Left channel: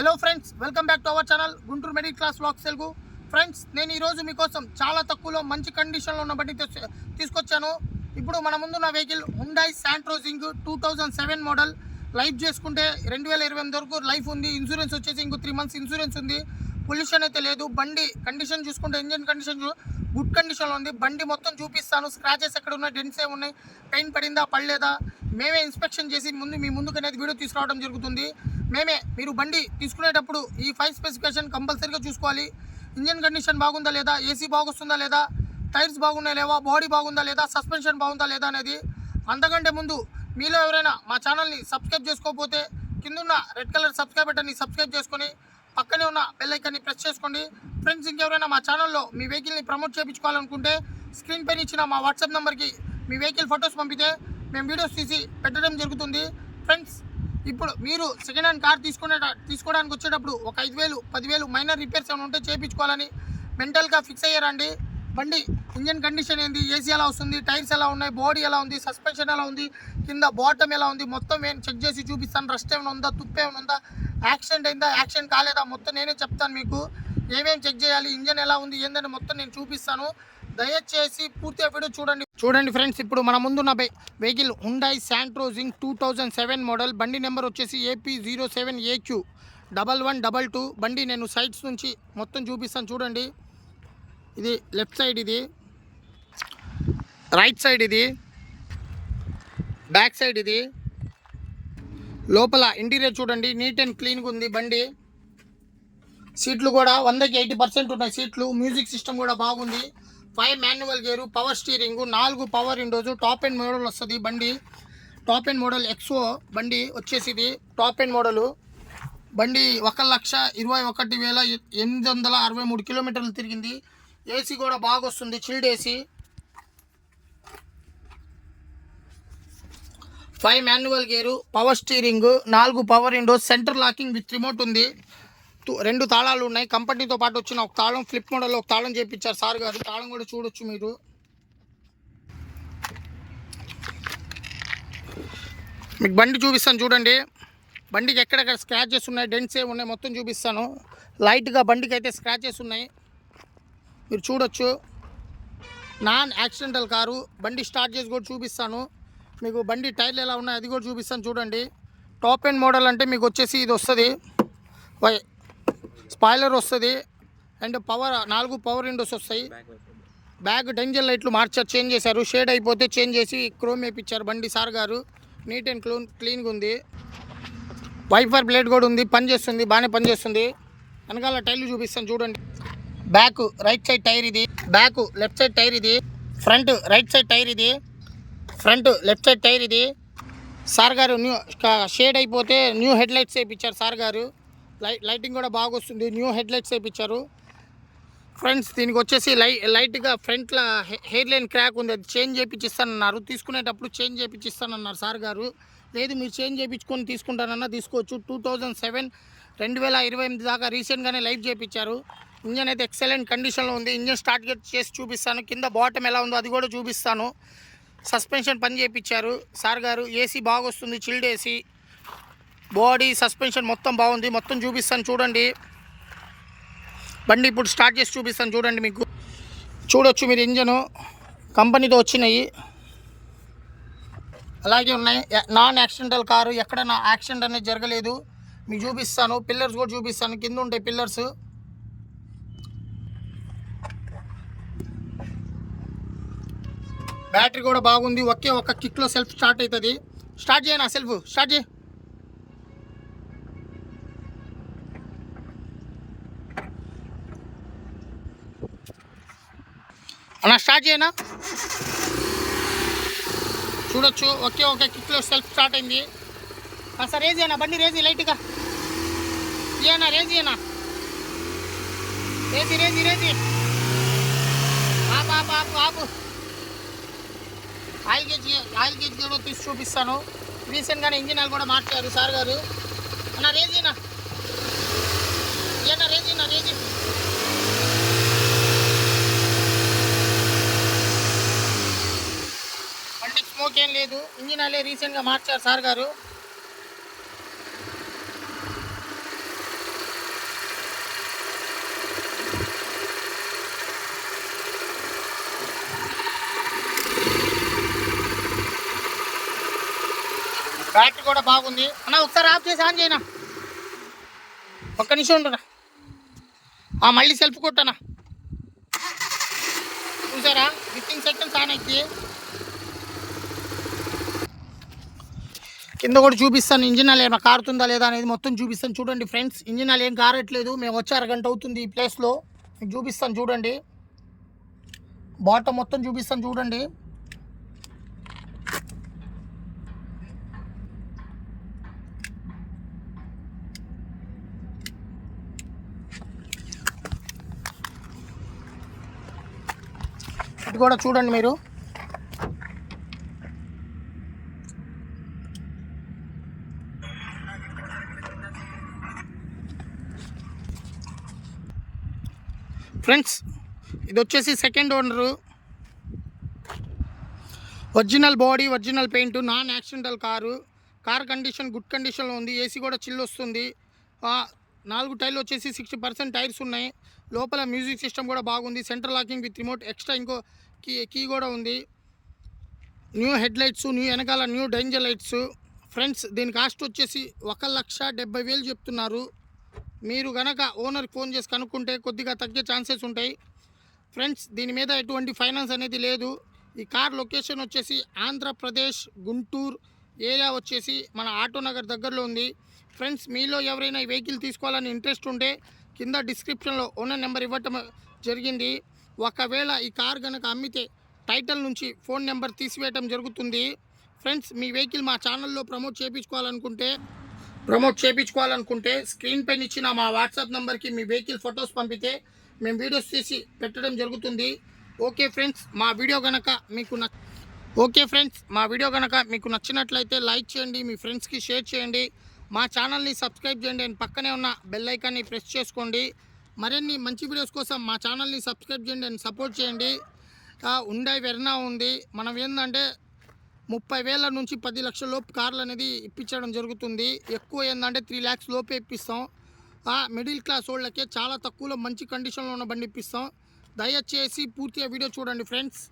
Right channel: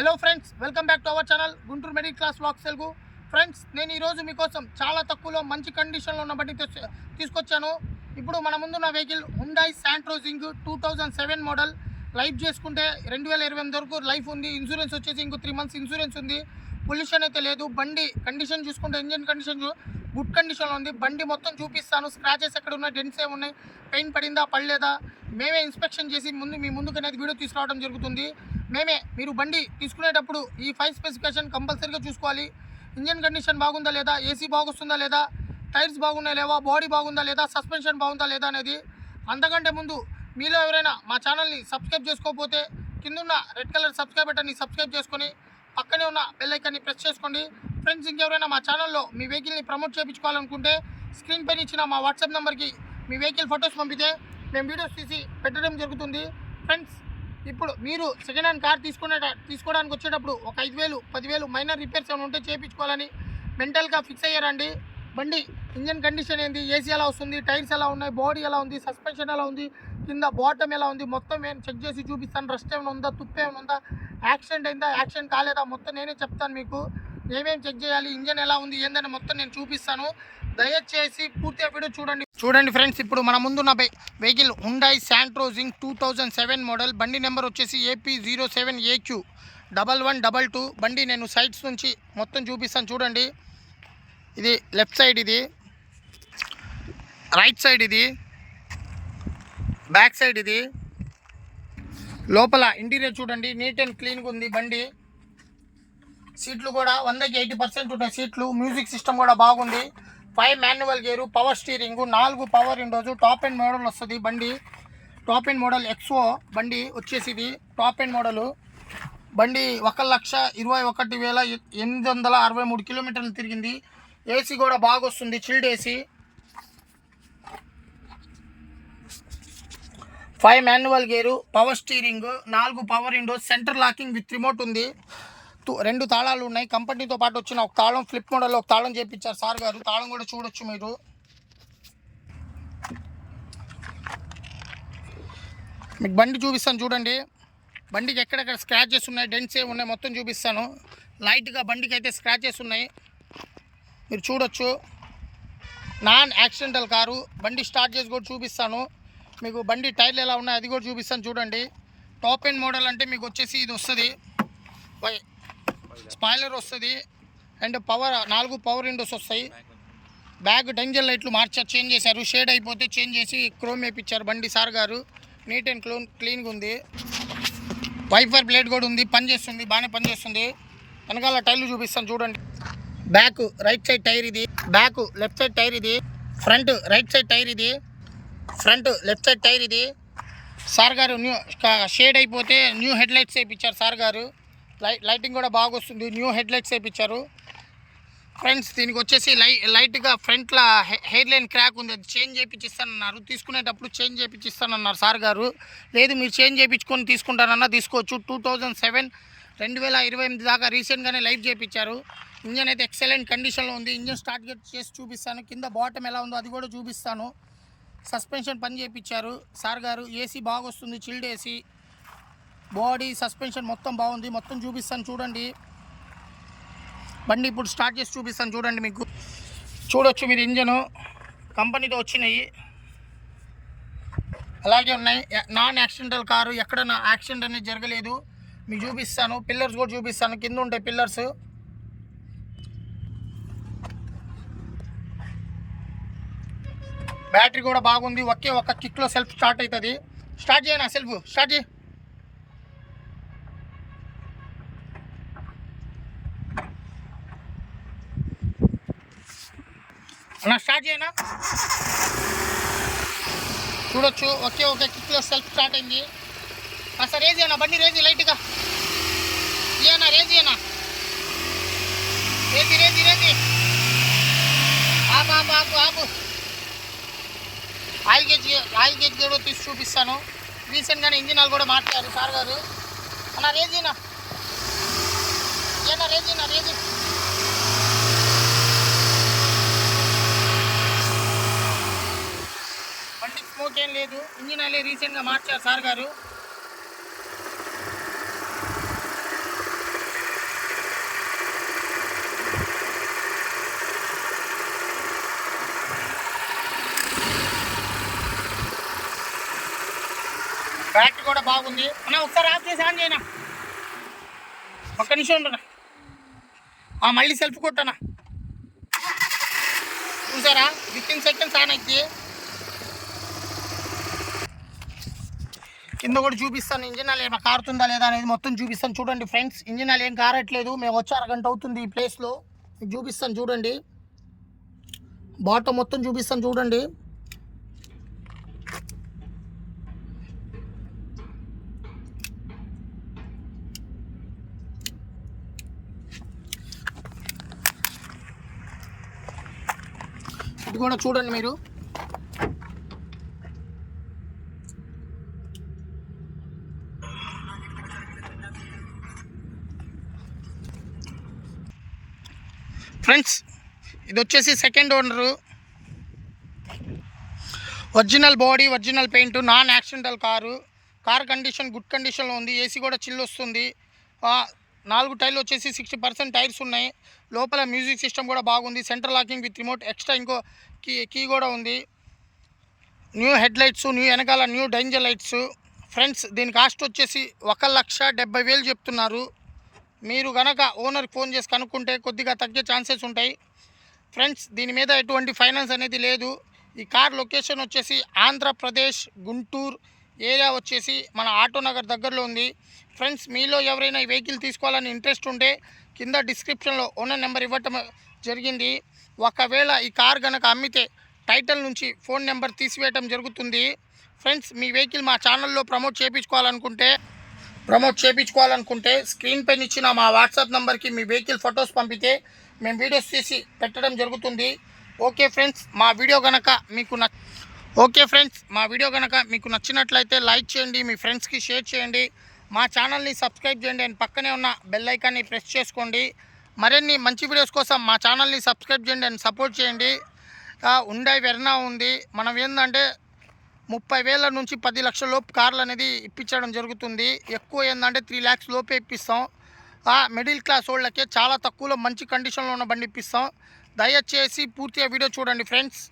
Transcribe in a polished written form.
Hello friends, welcome back to our channel Guntur middle class vlogs Telugu. Friends, నేను ఈరోజు మీకోసం చాలా తక్కువలో మంచి కండిషన్లో ఉన్న బండి తీసుకొచ్చాను. ఇప్పుడు మన ముందున్న వెహికల్ హుండాయ్ శాంట్రో జింగ్ 2007 మోడల్. లైఫ్ చేసుకుంటే 2028 వరకు లైఫ్ ఉంది. ఇన్సూరెన్స్ వచ్చేసి ఇంకో 3 months ఇన్సూరెన్స్ ఉంది. పొల్యూషన్ అయితే లేదు. బండి కండిషన్ చూసుకుంటే ఇంజిన్ కండిషన్ గుడ్ కండిషన్లో ఉంది. బండి మొత్తం చూపిస్తాను. స్క్రాచెస్ ఎక్కడ ఉన్నాయి, డెంట్స్ ఏమున్నాయి, పెయింట్ పడిందా పడలేదా, మేమే ఇన్స్పెక్షన్ చేసి మీ ముందుకు అనేది వీడియో తీసుకురావడం జరుగుతుంది. మీరు బండి తీసుకునేటప్పుడు ఈ 5 స్పెసిఫికేషన్ కంపల్సరీగా చూసుకోవాలి. ఇంజన్ కండిషన్ బాగుందా లేదా, ఏసీ బాగుస్తుందా లేదా, టైర్స్ బాగున్నాయా లేవా, బాడీ బాగుందా లేదా, సస్పెన్షన్ బాగుందా లేదా అనేది. అంతకంటే ముందు మీలో ఎవరైనా మా ఛానల్ని సబ్స్క్రైబ్ చేసుకోకపోతే కిందున్న రెడ్ కలర్ సబ్స్క్రైబ్ బటన్ని సబ్స్క్రైబ్ చేసుకొని పక్కనే ఉన్న బెల్ ఐకాన్ని ప్రెస్ చేసుకోండి. ఫ్రెండ్స్, ఇంకెవరైనా మా ఛానల్లో మీ వెహికల్ని ప్రమోట్ చేయించుకోవాలనుకుంటే స్క్రీన్ పైన ఇచ్చిన మా వాట్సాప్ నెంబర్కి మీ వెహికల్ ఫొటోస్ పంపితే మేము వీడియోస్ తీసి పెట్టడం జరుగుతుంది. ఫ్రెండ్స్, ఇప్పుడు మీరు సెకండ్ హ్యాండ్ కార్ తీసుకోవడానికి వచ్చేటప్పుడు ఒక 5,000 10,000 మైనర్ రిపేర్స్ ఏమైనా ఉంటే చేయించుకోవాలని మెంటల్గా ఫిక్స్ అయ్యారండి. బండి ఇంజన్ కండిషన్ ఏంది, ఏసీ ఎలా వస్తుంది, టైర్స్ ఎలా ఉన్నాయి, బాడీ ఎలా ఉంది, సస్పెన్షన్ ఎలా ఉంది, కింద బాటమ్ ఎలా ఉంది, మొత్తం నేను చెక్ చేసి చూపిస్తాను. రస్ట్ ఏమైనా ఉందా, తుప్పు ఏమైనా ఉందా, యాక్సిడెంట్ అయిందా, యాక్సిడెంట్ కాలేదా, మొత్తం నేనే చెప్తాను. మీకు ఏమేమి చెక్ చేయాలి, ఇంజన్ ఎలా ఉంది ఏందని మొత్తం నేను చూపిస్తాను. దయచేసి పూర్తిగా వీడియో చూడండి ఫ్రెండ్స్. ఇప్పుడు మన ముందున్న వెహికల్ హుండాయ్ శాంట్రో జింగ్ 2007 మోడల్. బండి నెంబర్ వచ్చేసి AP07AQ1122. బండి నేను సైడ్స్ నుంచి మొత్తం చూపిస్తాను. చూడండి, ఇది లెఫ్ట్ సైడ్, ఇది రైట్ సైడ్, ఇది బ్యాక్ సైడ్, ఇది లోపల ఇంటీరియర్ చూడండి, నీట్ అండ్ క్లీన్గా ఉంది బండి. సీట్లు కూడా 100కి 80% ఉన్నాయి సీట్లు. మ్యూజిక్ సిస్టమ్ కూడా బాగుంది. 5 manual gear, power steering, 4 power Windows. Top end model వస్తుంది బండి. టాప్ ఎండ్ మోడల్ ఎక్స్ఓ బండి వచ్చేసి ఇది టాప్ ఎండ్ మోడలు. బండి 1,21,863 కిలోమీటర్లు తిరిగింది. ఏసీ కూడా బాగా వస్తుంది, chilled AC. 5 manual gear, power steering, 4 power Windows, centre locking with remote ఉంది. 2 తాళాలు ఉన్నాయి. కంపెనీతో పాటు వచ్చిన ఒక తాళం, ఫ్లిప్ మోడల్లో ఒక తాళం చేయించారు సార్ గారు. తాళం కూడా చూడొచ్చు మీరు. మీకు బండి చూపిస్తాను చూడండి. బండికి ఎక్కడెక్కడ స్క్రాచెస్ ఉన్నాయి, డెంట్స్ ఏమి ఉన్నాయి మొత్తం చూపిస్తాను. లైట్గా బండికి అయితే స్క్రాచెస్ ఉన్నాయి, మీరు చూడొచ్చు. Non accidental car. బండి స్టార్ట్ చేసి కూడా చూపిస్తాను మీకు. బండి టైర్లు ఎలా ఉన్నాయి అది కూడా చూపిస్తాను చూడండి. టాప్ ఎండ్ మోడల్ అంటే మీకు వచ్చేసి ఇది వస్తుంది, స్పాయిలర్ వస్తుంది, అండ్ 4 పవర్ విండోస్ వస్తాయి. బ్యాక్ డేంజర్ లైట్లు చేంజ్ చేశారు. షేడ్ అయిపోతే చేంజ్ చేసి క్రోమ్ వేయించారు బండి సార్ గారు. నీట్ అండ్ క్లీన్గా ఉంది. వైఫర్ బ్లేడ్ కూడా ఉంది, పనిచేస్తుంది, బాగానే పనిచేస్తుంది. వెనకాల టైర్లు చూపిస్తాను చూడండి. బ్యాక్ రైట్ సైడ్ టైర్ ఇది, బ్యాక్ లెఫ్ట్ సైడ్ టైర్ ఇది, ఫ్రంట్ రైట్ సైడ్ టైర్ ఇది, ఫ్రంట్ లెఫ్ట్ సైడ్ టైర్ ఇది. సార్ గారు న్యూ షేడ్ అయిపోతే న్యూ హెడ్ లైట్స్ వేయించారు సార్ గారు. లైటింగ్ కూడా బాగా వస్తుంది, న్యూ హెడ్ లైట్స్ వేయించారు. ఫ్రెండ్స్, దీనికి వచ్చేసి లైట్గా ఫ్రంట్లో హెయిర్ లైన్ క్రాక్ ఉంది, అది చేంజ్ చేయించిస్తానన్నారు. తీసుకునేటప్పుడు చేంజ్ చేయించిస్తానన్నారు సార్ గారు. లేదు మీరు చేంజ్ చేయించుకొని తీసుకుంటానన్నా తీసుకోవచ్చు. 2028 దాకా రీసెంట్గానే లైఫ్ చేయించారు. ఇంజన్ అయితే ఎక్సలెంట్ కండిషన్లో ఉంది. ఇంజన్ స్టార్ట్ చేసి చూపిస్తాను. కింద బాటమ్ ఎలా ఉందో అది కూడా చూపిస్తాను. సస్పెన్షన్ పని చేయించారు సార్ గారు. ఏసీ బాగా వస్తుంది, చిల్డ్ ఏసీ. బాడీ సస్పెన్షన్ మొత్తం బాగుంది, మొత్తం చూపిస్తాను చూడండి. బండి ఇప్పుడు స్టార్ట్ చేసి చూపిస్తాను చూడండి. మీకు చూడొచ్చు మీరు, ఇంజను కంపెనీతో వచ్చినాయి, అలాగే ఉన్నాయి. నాన్ యాక్సిడెంటల్ కారు, ఎక్కడ నా యాక్సిడెంట్ అనేది జరగలేదు. మీకు చూపిస్తాను. పిల్లర్స్ కూడా చూపిస్తాను, కింద ఉంటాయి పిల్లర్స్. బ్యాటరీ కూడా బాగుంది. ఒకే ఒక కిక్లో సెల్ఫ్ స్టార్ట్ అవుతుంది. స్టార్ట్ చేయనా, సెల్ఫ్ స్టార్ట్ చేయి అలా, స్టార్ట్ చేయనా. చూడొచ్చు, ఒకే ఒక కిక్లో సెల్ఫ్ స్టార్ట్ అయింది. సార్ రేజ్ చేయనా, బండి రేజీ లైట్గా చేయనా, రేజ్ చేయనా, రేజీ రేజీ రేజీ. ఆపు ఆపు ఆపు ఆపు. ఆయిల్ గేజ్ కూడా తీసి చూపిస్తాను. రీసెంట్గానే ఇంజిన్ ఆయిల్ కూడా మార్చారు సార్ గారు. అన్న రేజ్ చేయనా, రేజ్ చేయనా, రేజీ. బండికి స్మోక్ ఏం లేదు. ఇంజిన్ ఆయిల్ రీసెంట్గా మార్చారు సార్ గారు. బ్యాటరీ కూడా బాగుంది అన్న. ఒకసారి ఆఫ్ చేసి ఆన్ చేయనా, ఒక్క నిమిషం ఉంటున్నా. మళ్ళీ సెల్ఫ్ కొట్టనా, చూసారా 15 సెకండ్స్ ఆన్ అయితే. కింద కూడా చూపిస్తాను, ఇంజిన్ ఆయిల్ ఏమైనా కారుతుందా లేదా అనేది మొత్తం చూపిస్తాను. చూడండి ఫ్రెండ్స్, ఇంజిన్ ఆయిల్ ఏం కారట్లేదు. మేము వచ్చి అరగంట అవుతుంది ఈ ప్లేస్లో. మీకు చూపిస్తాను చూడండి, బాటమ్ మొత్తం చూపిస్తాను చూడండి. ఇది కూడా చూడండి మీరు. ఫ్రెండ్స్ ఇది వచ్చేసి second owner, original body, original paint, non accidental car condition good కండిషన్లో ఉంది. ఏసీ కూడా చిల్ వస్తుంది. 4 టైర్లు వచ్చేసి 60% టైర్స్ ఉన్నాయి. లోపల మ్యూజిక్ సిస్టమ్ కూడా బాగుంది. Central locking with remote, extra ఇంకో కీ కూడా ఉంది. న్యూ హెడ్ లైట్స్, న్యూ వెనకాల న్యూ డేంజర్ లైట్స్. ఫ్రెండ్స్ దీని కాస్ట్ వచ్చేసి 1,70,000 చెప్తున్నారు. మీరు కనుక ఓనర్కి ఫోన్ చేసి కనుక్కుంటే కొద్దిగా తగ్గే ఛాన్సెస్ ఉంటాయి. ఫ్రెండ్స్ దీని మీద ఎటువంటి ఫైనాన్స్ అనేది లేదు. ఈ కార్ లొకేషన్ వచ్చేసి ఆంధ్రప్రదేశ్ గుంటూరు ఏరియా వచ్చేసి మన ఆటోనగర్ దగ్గరలో ఉంది. ఫ్రెండ్స్ మీలో ఎవరైనా ఈ వెహికల్ తీసుకోవాలని ఇంట్రెస్ట్ ఉంటే కింద డిస్క్రిప్షన్లో ఓనర్ నెంబర్ ఇవ్వటం జరిగింది. ఒకవేళ ఈ కార్ కనుక అమ్మితే టైటిల్ నుంచి ఫోన్ నెంబర్ తీసివేయటం జరుగుతుంది. ఫ్రెండ్స్ మీ వెహికల్ మా ఛానల్లో ప్రమోట్ చేయించుకోవాలనుకుంటే స్క్రీన్ పైన ఇచ్చిన మా వాట్సాప్ నెంబర్కి మీ వెహికల్ ఫొటోస్ పంపితే మేము వీడియోస్ తీసి పెట్టడం జరుగుతుంది. ఓకే ఫ్రెండ్స్, మా వీడియో కనుక మీకు నచ్చినట్లయితే లైక్ చేయండి, మీ ఫ్రెండ్స్కి షేర్ చేయండి, మా ఛానల్ని సబ్స్క్రైబ్ చేయండి అండ్ పక్కనే ఉన్న బెల్ ఐకాన్ని ప్రెస్ చేసుకోండి. మరిన్ని మంచి వీడియోస్ కోసం మా ఛానల్ని సబ్స్క్రైబ్ చేయండి అండ్ సపోర్ట్ చేయండి. హుండాయ్ వెర్నా ఉంది. మనం ఏంటంటే 30,000 నుంచి 10 లక్షల లోపు కార్లు అనేది ఇప్పించడం జరుగుతుంది. ఎక్కువ ఏంటంటే 3 lakhs లోపే ఇప్పిస్తాం. మిడిల్ క్లాస్ వాళ్ళకే చాలా తక్కువలో మంచి కండిషన్లో ఉన్న బండి ఇప్పిస్తాం. దయచేసి పూర్తిగా వీడియో చూడండి ఫ్రెండ్స్.